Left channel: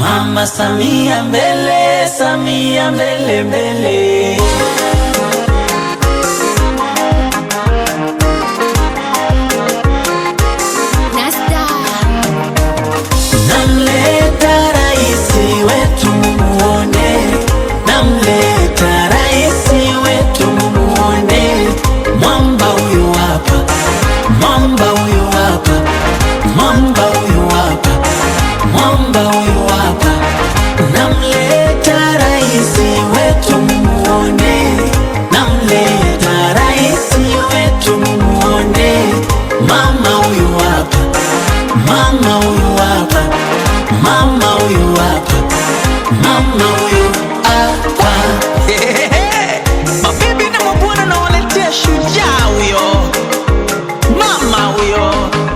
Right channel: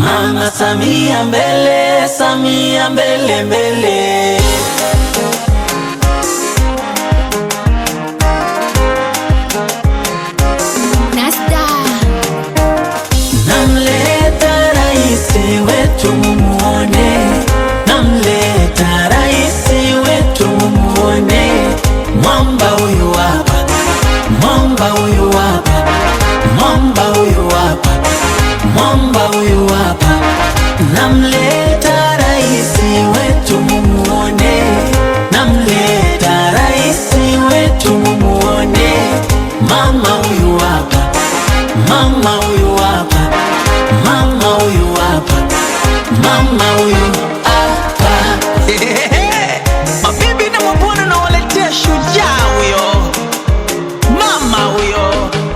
Mama Samia mbele, Samia mbele mbele. Namleta raisi wetu mumuone, namleta raisi wetu mumuone. Mwamba huyu hapa, mwamba huyu hapa, mwamba huyu hapa, mwamba huyu hapa. Namleta raisi wetu mumuone, namleta raisi wetu mumuone. Mama huyu hapa, mama huyu hapa, mama huyu hapa, mama